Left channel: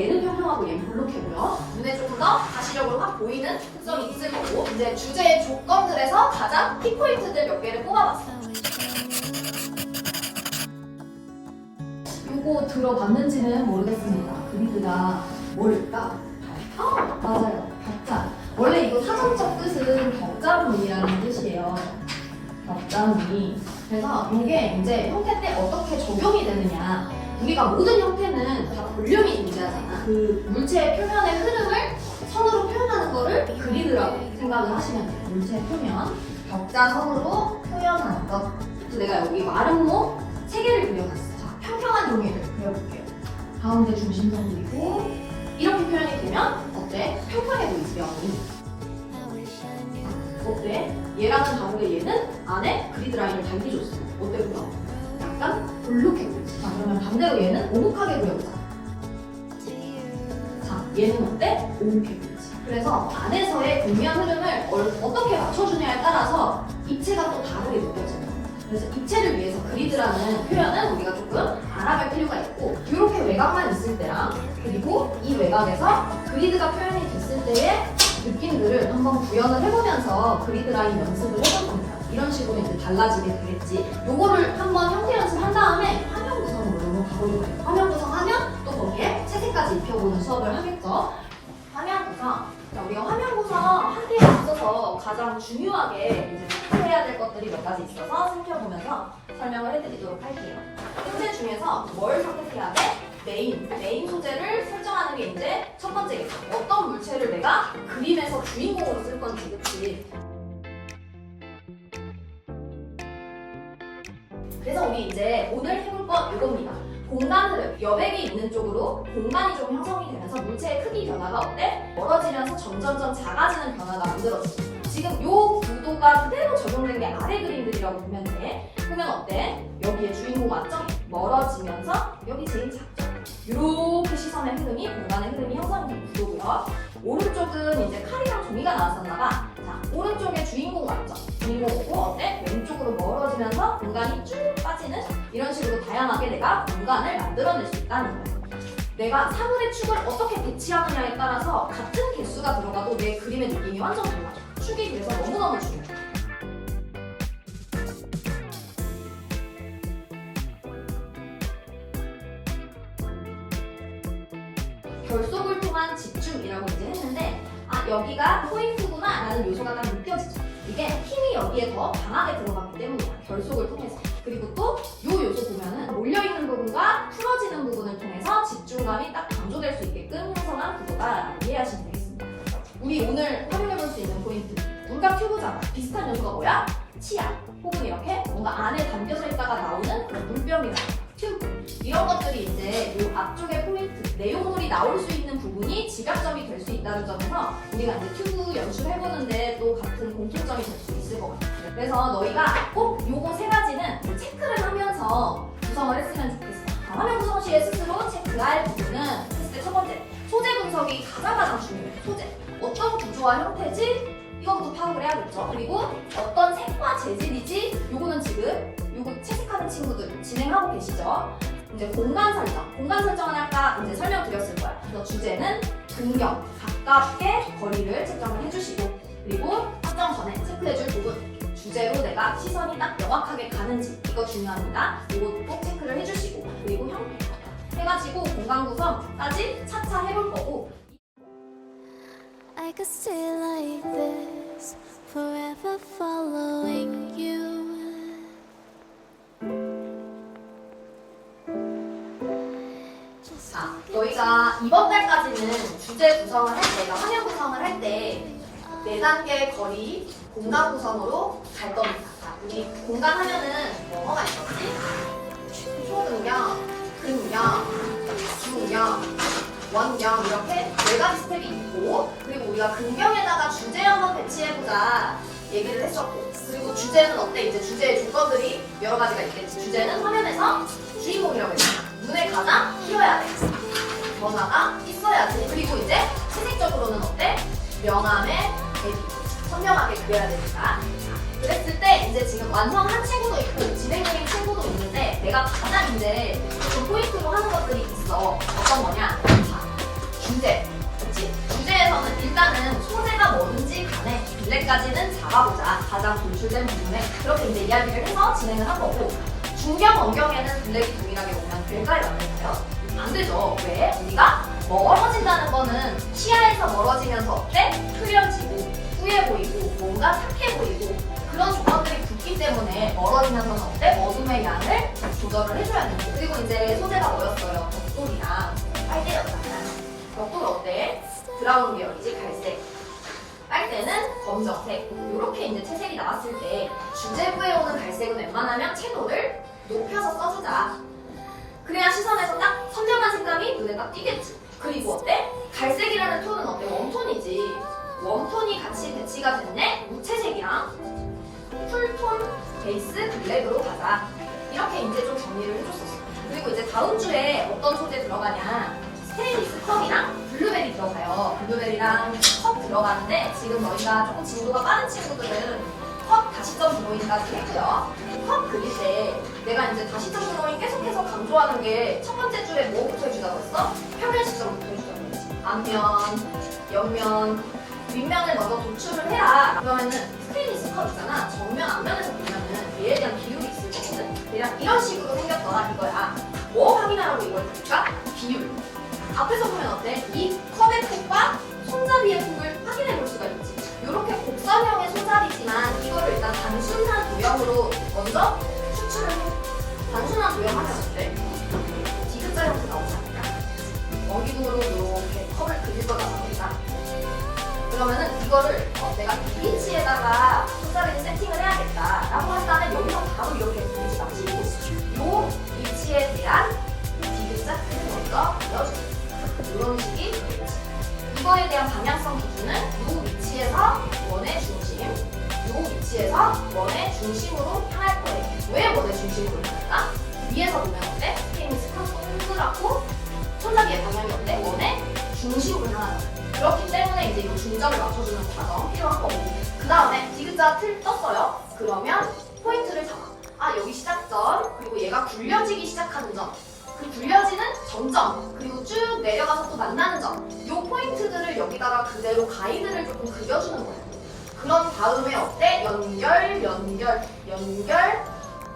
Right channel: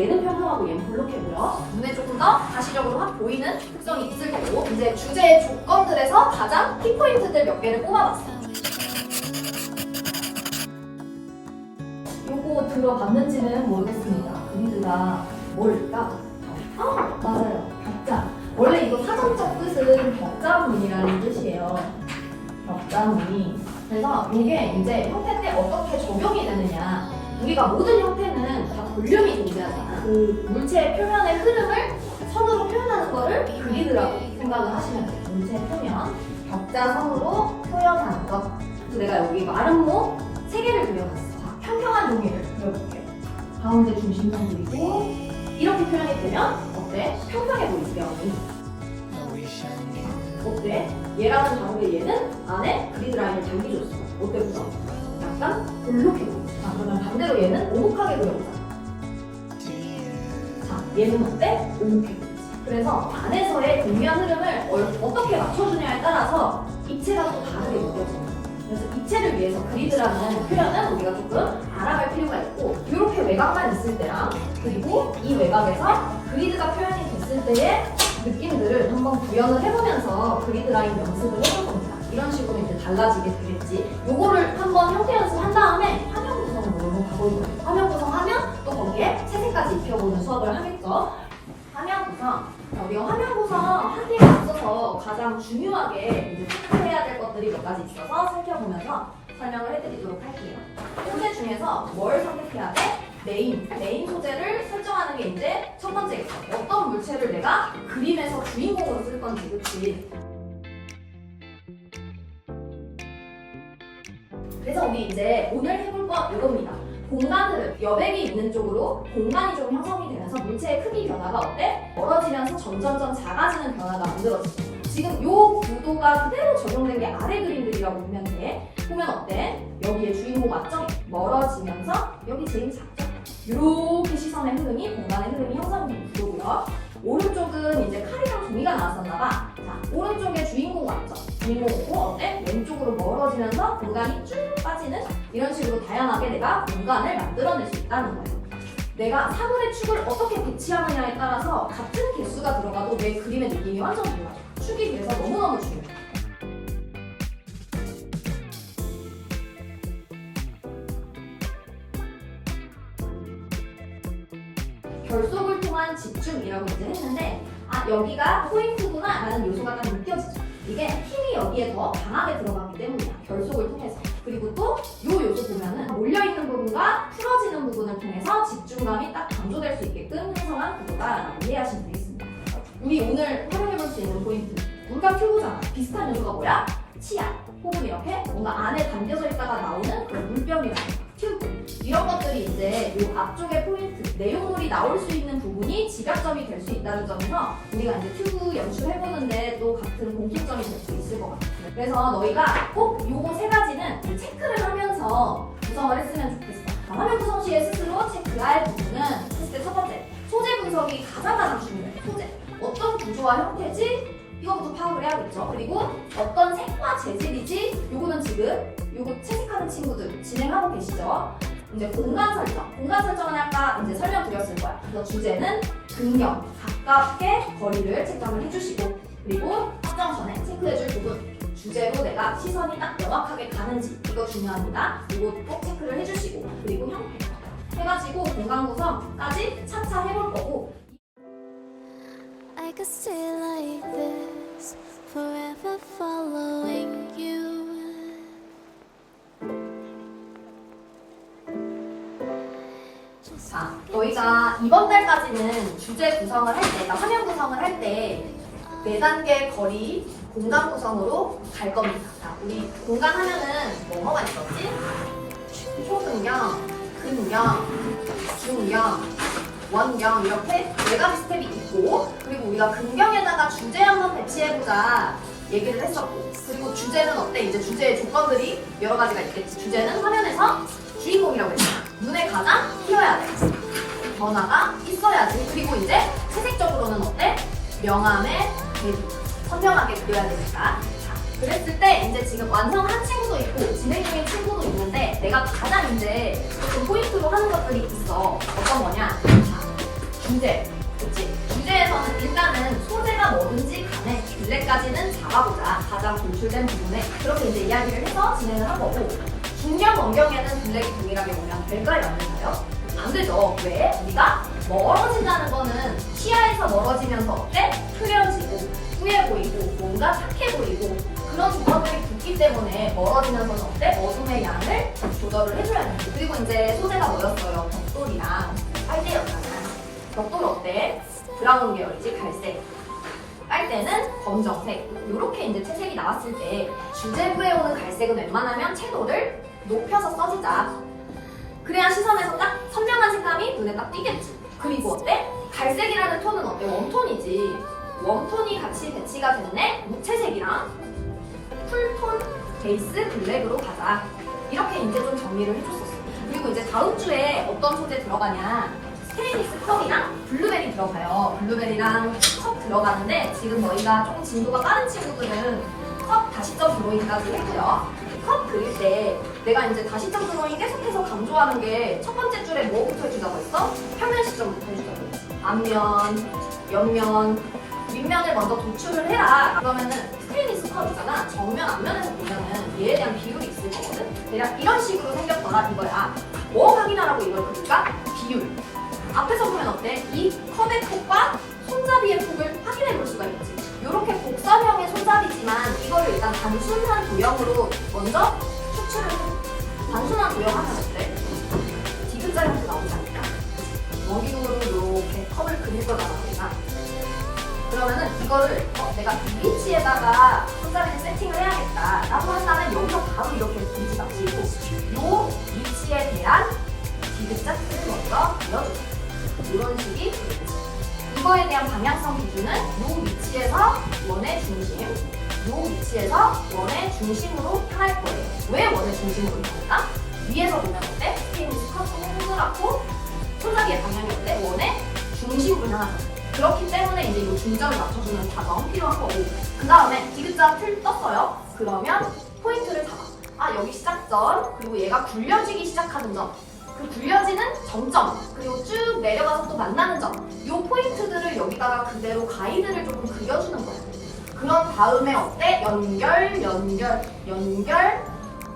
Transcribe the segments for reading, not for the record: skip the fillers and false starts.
얘는 평평하고 얘는 볼록해 보여. 눈에 조금 더 가시적으로 확 보이는 특성이 있을 거고, 이제 주제의 조건들에서 가장 키포인트들 몇 개를 뽑아봤어. 요거 들어봤는지는 모르겠습니다. 그리드가 뭘까? 맞아요. 격자. 원래 이거 사전적 뜻은 격자무늬라는 뜻이에요. 격자무늬. 그래서 이게 이제 형태 때 어떻게 적용이 되느냐. 우리가 모든 형태는 다 볼륨이 존재하잖아. 그 물체의 표면의 흐름을 선으로 표현하는 거를 그리드라고 생각을 하시면 돼요. 물체의 표면. 격자선으로 표현하는 것. 그래서 내가 여기 마름모 3개를 그려놨어. 자, 평평한 종이를 그려볼게요. 가운데 중심선 그리고 이렇게 표현이 되면 어때? 평평해 보이지, 면이. 어때? 얘랑은 다르게 얘는 안에 그리드 라인을 달기줬어. 어때 보자? 약간 볼록해 보이지. 자, 그러면 반대로 얘는 오목하게 그려보자. 자, 얘는 어때? 오목해 보이지. 그래서 안에서의 공면 흐름을 어떻게 맞춰주냐에 따라서 입체가 또 다르게 느껴지는. 그래서 입체를 위해서 그리드라는 표현은 우리가 조금 알아갈 필요가 있고, 이렇게 외곽만 있을 때랑 그리고 이 외곽에서 그리드가 표현이 됐을 때의 느낌들을 한번 구현을 해보면서 그리드 라인 연습을 해볼 겁니다. 이런 식으로 이제 달라지게 되겠지. 요거를 한번 형태 연습한 다음에 화면 구성으로 넘어가 볼 거예요. 화면 구성하면 또 거기에 채색까지 입혀보는 수업을 하겠죠. 화면 구성. 우리가 화면 구성 하기에 앞서서 가장 중요하게 이제 체크해야 될 것들이 몇 가지 있어서 살펴보면서 설명을 해드리도록 할게요. 소재 중에서 뭘 선택해야 돼? 메인 소재를 설정하는 게 이제 첫 번째겠죠. 어떤 물체를 내가 그림에서 주인공으로 쓸 건지, 그치? 그래서 우리 이제 오늘 해볼 건 이겁니다. 공간 흐름, 여백이 있는 쪽으로 공간이 좀 형성이 되면서 물체의 크기 변화가 어때? 멀어지면서 점점점 작아지는 변화가 만들어지죠. 지금 요 구도가 그대로 적용된 게 아래 그림들이라고 보면 돼. 보면 어때? 여기에 주인공 맞죠? 멀어지면서 여기 제일 작죠? 이렇게 시선의 흐름이, 공간의 흐름이 형성된 구도고요. 오른쪽은 이제 칼이랑 종이가 나왔었나봐. 자, 오른쪽에 주인공 맞죠? 주인공 오고 어때? 왼쪽으로 멀어지면서 공간이 쭉 빠지는 이런 식으로 다양하게 내가 공간을 만들어낼 수 있다는 거예요. 내가 사물의 축을 어떻게 배치하느냐에 따라서 같은 개수가 들어가도 내 그림의 느낌이 완전 달라져. 축이 그래서 너무너무 중요해. 결속을 통한 집중이라고 이제 했는데, 아, 여기가 포인트구나 라는 요소가 딱 느껴지죠. 이게 힘이 여기에 더 강하게 들어갔기 때문이야. 결속을 통해서. 그리고 또 이 요소 보면은 몰려있는 부분과 풀어지는 부분을 통해서 집중감이 딱 강조될 수 있게끔 형성한 구도다라고 이해하시면 되겠습니다. 우리 오늘 활용해볼 수 있는 포인트, 물감 튜브잖아. 비슷한 요소가 뭐야? 치약, 혹은 이렇게 뭔가 안에 담겨져 있다가 나오는 그 물병이랑 튜브, 이런 것들이 이제 이 앞쪽의 포인트, 내용물이 나올 수 있는 부분이 집약점이 될 수 있다는 점에서 우리가 이제 튜브 연출해보는데 또 같은 공통점이 될 수 있을 것 같아요. 그래서 너희가 꼭 요거 3가지는 체크를 하면서 구성을 했으면 좋겠어. 화면 구성 시에 스스로 체크할 부분은 테스트 첫 번째, 소재 분석이 가장 중요해. 소재, 어떤 구조와 형태지? 이거부터 파악을 해야겠죠. 그리고 어떤 색과 재질이지? 요거는 지금 요거 채색하는 친구들 진행하고 계시죠. 이제 공간 설정은 아까 이제 설명드렸을 거야. 그래서 주제는 근경, 가깝게 거리를 책정을 해주시고, 그리고 확정 전에 체크해줄 부분, 주제로 내가 시선이 딱 명확하게 가는지, 이거 중요합니다. 이거 꼭 체크를 해주시고, 그리고 형태 해가지고 공간 구성까지 차차 해볼 거고. I could stay like this, forever following you. 자, 너희가 이번 달까지는 주제 구성을 할 때, 화면 구성을 할 때 4단계 거리 공간 구성으로 갈 겁니다. 자, 우리 공간 하면은 뭐가 있었지? 초근경, 근경, 중경, 원경, 이렇게 4가지 스텝이 있고, 그리고 우리가 근경에다가 주제형만 배치해보자 얘기를 했었고, 그리고 주제는 어때? 이제 주제의 조건들이 여러 가지가 있겠지. 주제는 화면에서 주인공이라고 했잖아. 눈에 가장 띄어야 돼. 변화가 있어야지. 그리고 이제 채색적으로는 어때? 명암의 대비, 선명하게 그려야 되니까. 그랬을 때 이제 지금 완성한 친구도 있고 진행 중인 친구도 있는데, 내가 가장 이제 좀 포인트로 하는 것들이 있어. 어떤 거냐? 자, 주제. 그치? 주제에서는 일단은 소재가 뭐든지 간에 빌레까지는 잡아보자. 가장 돌출된 부분에 그렇게 이제 이야기를 해서 진행을 한 거고, 중경, 원경에는 블랙이 동일하게 오면 될까요? 안 될까요? 안 되죠. 왜? 우리가 멀어진다는 거는 시야에서 멀어지면서 어때? 흐려지고 후해 보이고 뭔가 착해 보이고 그런 조건들이 붙기 때문에 멀어지면서는 어때? 어둠의 양을 조절을 해줘야 되는 거고, 그리고 이제 소재가 뭐였어요? 벽돌이랑 빨대였잖아요. 벽돌 어때? 브라운 계열이지, 갈색. 빨대는 검정색. 이렇게 이제 채색이 나왔을 때 주제부에 오는 갈색은 웬만하면 채도를 높여서 써주자. 그래야 시선에서 딱 선명한 색감이 눈에 딱 띄겠지. 그리고 어때? 갈색이라는 톤은 어때? 웜톤이지. 웜톤이 같이 배치가 됐네? 무채색이랑 쿨톤 베이스 블랙으로 가자. 이렇게 이제 좀 정리를 해줬었어. 그리고 이제 다음 주에 어떤 소재 들어가냐? 스테인리스 컵이랑 블루베리 들어가요. 블루베리랑 컵 들어가는데 지금 너희가 조금 진도가 빠른 친구들은 컵 다시점 드로잉까지 했고요. 컵 그릴 때 내가 이제 다시점 드로잉 계속해서 강조하는 게 첫 번째 줄에 뭐부터 해주자고 했어? 평면 시점부터 해주자고 했어. 앞면, 옆면, 윗면을 먼저 도출을 해라. 그러면은 스테인리스 컵 있잖아. 정면, 앞면에서 보면은 얘에 대한 비율이 있을 거거든. 대략 이런 식으로 생겼더라 이거야. 뭐 확인하라고 이걸 그릴까? 비율. 앞에서 보면 어때? 이 컵의 폭과 손잡이의 폭을 확인해 볼 수가 있지. 이렇게 곡선형의 손잡이지만 이거를 일단 단순한 도형으로 먼저 추출을 해. 단순한 도형하면 어때? 디귿자 형태 나오지 않을까? 원기둥으로 이렇게 컵을 그릴 거잖아 우리가. 그러면은 이거를 내가 이 위치에다가 손잡이를 세팅을 해야겠다 라고 한다면 여기서 바로 이렇게 위치 맞추고 이 위치에 대한 디귿자 크기 먼저 그려주세요. 이런 식이 되겠지. 이거에 대한 방향성 기준은 이 위치에서 원의 중심, 이 위치에서 원의 중심으로 할 거예요. 왜 원의 중심으로 할까? 위에서 보면 어때? 스테인리스 컵 동그랗고 손잡이의 방향이 어때? 원의 중심으로 향하잖아. 그렇기 때문에 이제 이 중점을 맞춰주는 과정 필요한 거고, 그 다음에 디귿자 틀 떴어요. 그러면 포인트를 잡아. 아 여기 시작점, 그리고 얘가 굴려지기 시작하는 점, 그 굴려지는 정점, 그리고 쭉 내려가서 또 만나는 점, 이 포인트들을 여기다가 그대로 가이드를 조금 그려주는 거예요. 그런 다음에 어때? 연결, 연결, 연결,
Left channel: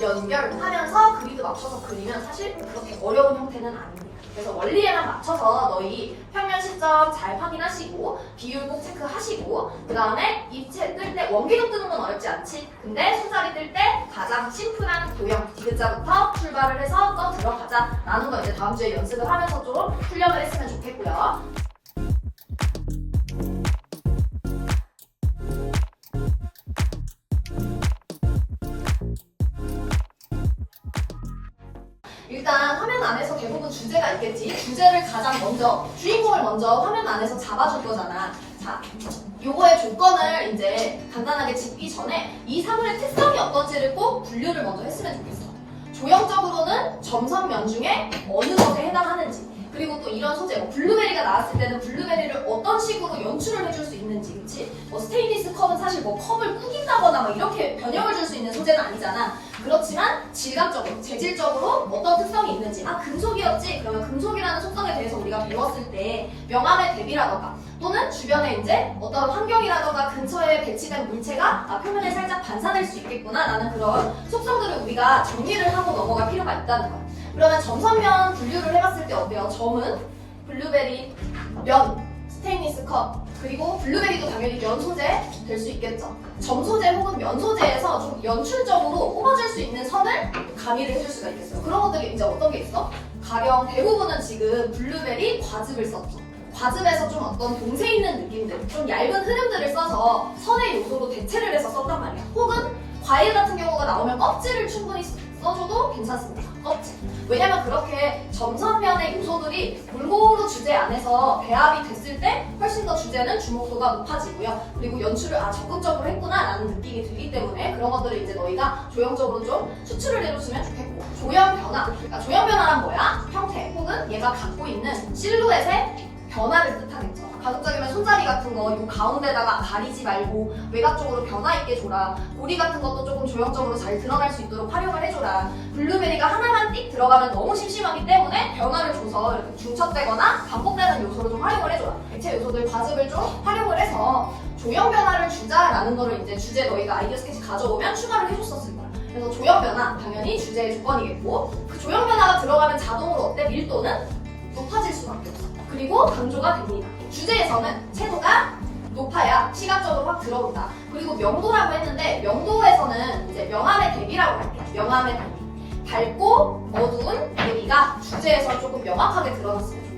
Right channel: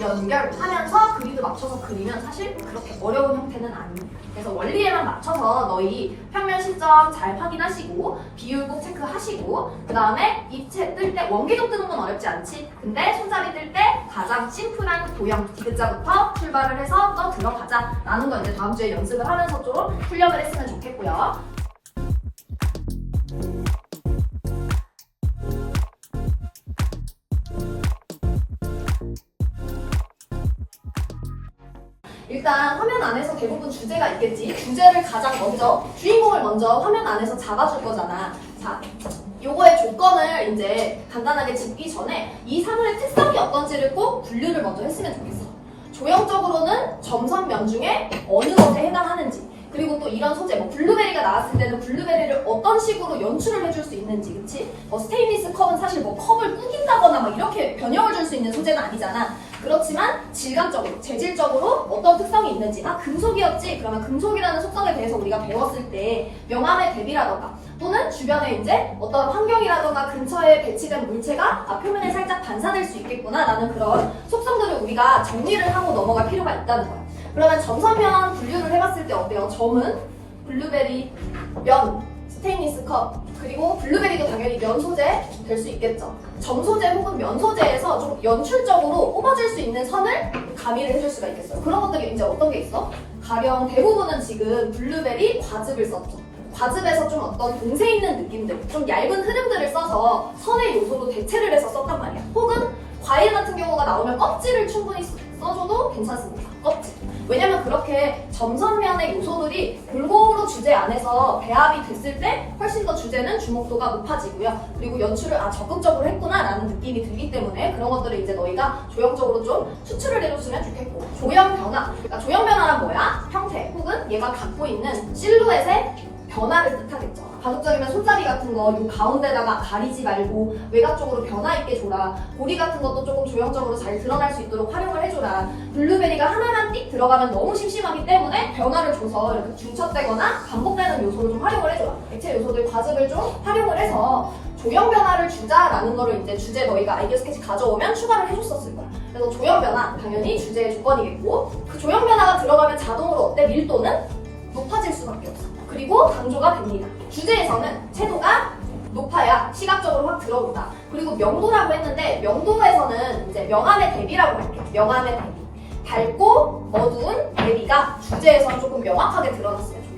연결 하면서 그리드 맞춰서 그리면 사실 그렇게 어려운 형태는 아닙니다. 그래서 원리에만 맞춰서 너희 평면 시점 잘 확인하시고 비율 꼭 체크하시고, 그 다음에 입체 뜰 때 원기둥 뜨는 건 어렵지 않지? 근데 손잡이 뜰 때 가장 심플한 도형 디귿자부터 출발을 해서 또 들어가자 라는 거 이제 다음 주에 연습을 하면서 좀 훈련을 했으면 좋겠고요. 일단 화면 안에서 대부분 주제가 있겠지. 주제를 가장 먼저, 주인공을 먼저 화면 안에서 잡아줄 거잖아. 자, 요거의 조건을 이제 간단하게 짚기 전에 이 사물의 특성이 어떤지를 꼭 분류를 먼저 했으면 좋겠어. 조형적으로는 점선면 중에 어느 것에 해당하는지, 그리고 또 이런 소재, 뭐 블루베리가 나왔을 때는 블루베리를 어떤 식으로 연출을 해줄 수 있는지, 그치? 스테인리스 컵은 사실 뭐 컵을 꾸긴다거나 뭐 이렇게 변형을 줄 수 있는 소재는 아니잖아. 그렇지만 질감적으로, 재질적으로 어떤 특성이 있는지, 아 금속이었지? 그러면 금속이라는 속성에 대해서 우리가 배웠을 때 명암의 대비라던가 또는 주변에 이제 어떤 환경이라던가 근처에 배치된 물체가 표면에 살짝 반사될 수 있겠구나 라는 그런 속성들을 우리가 정리를 하고 넘어갈 필요가 있다는 거예요. 그러면 점선면 분류를 해봤을 때 어때요? 점은 블루베리, 면, 스테인리스 컵, 그리고 블루베리도 당연히 면 소재 될 수 있겠죠. 점 소재 혹은 면 소재에서 좀 연출적으로 뽑아줄 수 있는 선을 가미를 해줄 수가 있겠어요. 그런 것들이 이제 어떤 게 있어? 가령 대부분은 지금 블루베리 과즙을 썼죠. 과즙에서 좀 어떤 봉쇄 있는 느낌들, 좀 얇은 흐름들을 써서 선의 요소로 대체를 해서 썼단 말이야. 혹은 과일 같은 경우가 나오면 껍질을 충분히 써줘도 괜찮습니다. 껍질. 왜냐면 그렇게 점선면의 요소들이 골고루 주제 안에서 배합이 됐을 때 훨씬 더 주제는 주목도가 높아지고요. 그리고 연출을 적극적으로 했구나 라는 느낌이 들기 때문에 그런 것들을 이제 너희가 조형적으로 좀 추출을 해줬으면 좋겠고, 조형 변화. 그러니까 조형 변화란 뭐야? 형태 혹은 얘가 갖고 있는 실루엣의 변화를 뜻하겠죠. 가급적이면 손잡이 같은 거 요 가운데다가 가리지 말고 외곽 쪽으로 변화 있게 줘라. 고리 같은 것도 조금 조형적으로 잘 드러날 수 있도록 활용을 해줘라. 블루베리가 하나만 띡 들어가면 너무 심심하기 때문에 변화를 줘서 이렇게 중첩되거나 반복되는 요소를 좀 활용을 해줘라. 액체 요소들 과즙을 좀 활용을 해서 조형 변화를 주자라는 거를 이제 주제 너희가 아이디어 스케치 가져오면 추가를 해줬었을 거야. 그래서 조형 변화 당연히 주제의 조건이겠고 그 조형 변화가 들어가면 자동으로 어때? 밀도는 높아질 수밖에 없어. 그리고 강조가 됩니다. 주제에서는 채도가 높아야 시각적으로 확 들어온다. 그리고 명도라고 했는데 명도에서는 이제 명암의 대비라고 할게요. 명암의 대비. 밝고 어두운 대비가 주제에서 조금 명확하게 드러났으면 좋겠어요.